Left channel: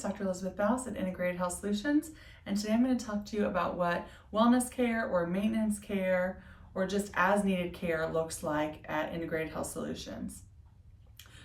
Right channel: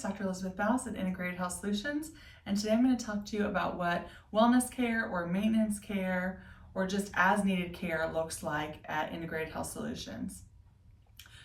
it's Dr. Elizabeth Baus at Integrated Health Solutions, and today I'm going to talk to you about what wellness care or maintenance care or just as needed care looks like at Integrated Health Solutions.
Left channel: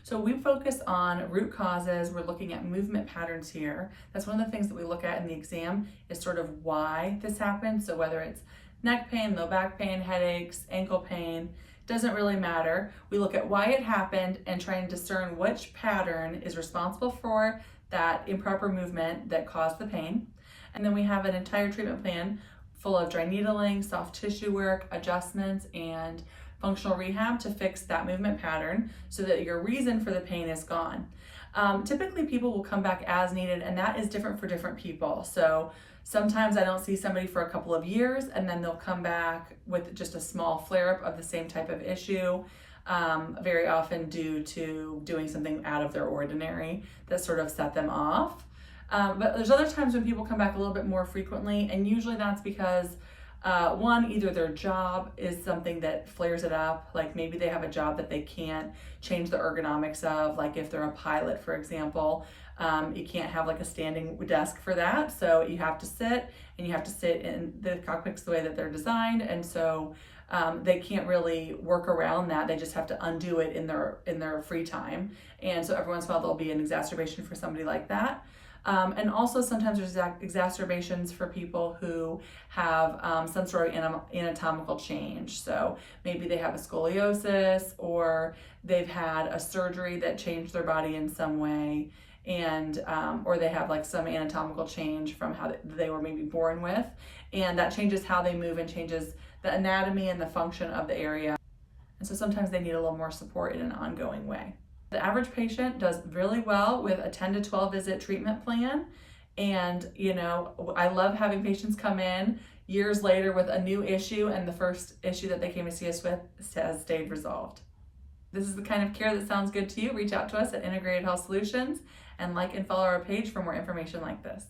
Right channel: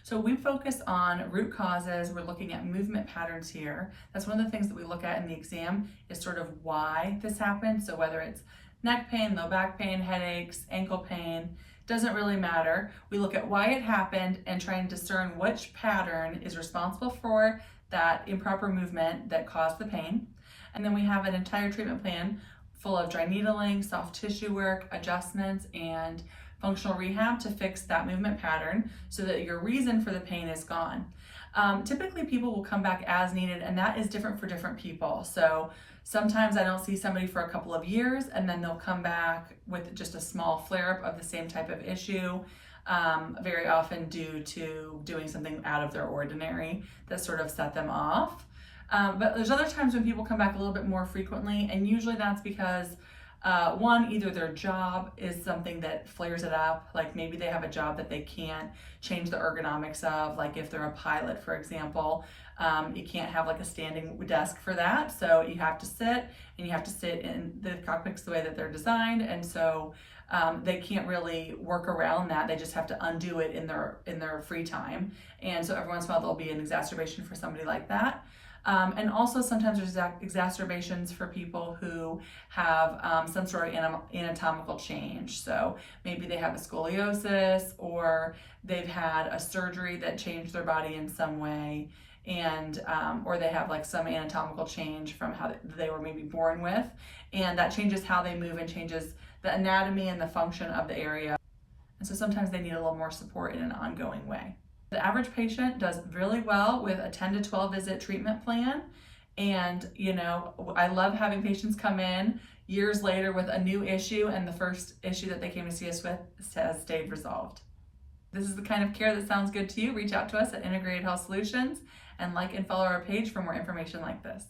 So we focus on root causes. We're looking at movement patterns here. That's one of the things that we look at in the exam is sort of why this happens. So whether it's neck pain, low back pain, headaches, ankle pain, doesn't really matter. We look at why it happened and try and discern which pattern is responsible for that improper movement that caused the pain. And then we have an entire treatment plan full of dry needling, soft tissue work, adjustments, and functional rehab to fix that movement pattern so that your reason for the pain is gone. Typically people will come back as needed, and that is different for different people. So sometimes I don't see somebody for a couple of years and then they'll come back with just a small flare-up of the same type of issue, very often due to doing something out of their ordinary that sort of set them off. But there's other times when people come back a little bit more frequently, and usually that's because one, either their job is something that flares it up, like maybe they have a job that they can't change the ergonomics of, like if they're a pilot, for example, you can't have like a standing desk for that. So you have to sit, and you have to sit in the cockpits the way that they're designed. And so they can't really work around that. They just have to undo it in their free time. And so every once in a while there'll be an exacerbation for somebody like that. And also sometimes there's exacerbations for people who have some sort of anatomical change. So maybe they have a scoliosis, or they've had a surgery that changed their body in some way, and or they have like some anatomical change from how they were maybe born with, and that changes how they move and changes the anatomy and the function of the area. And so sometimes they need a little more support in an ongoing way. The average patient does really well with a 10 to 12 visit treatment plan. And, I love having patients come in years later with a new issue, and the first issue that they came to see us with has stayed resolved. This is the kind of care that sounds good to you. Reach out to us at Integrated Health Solutions and like and follow our page for more information like this.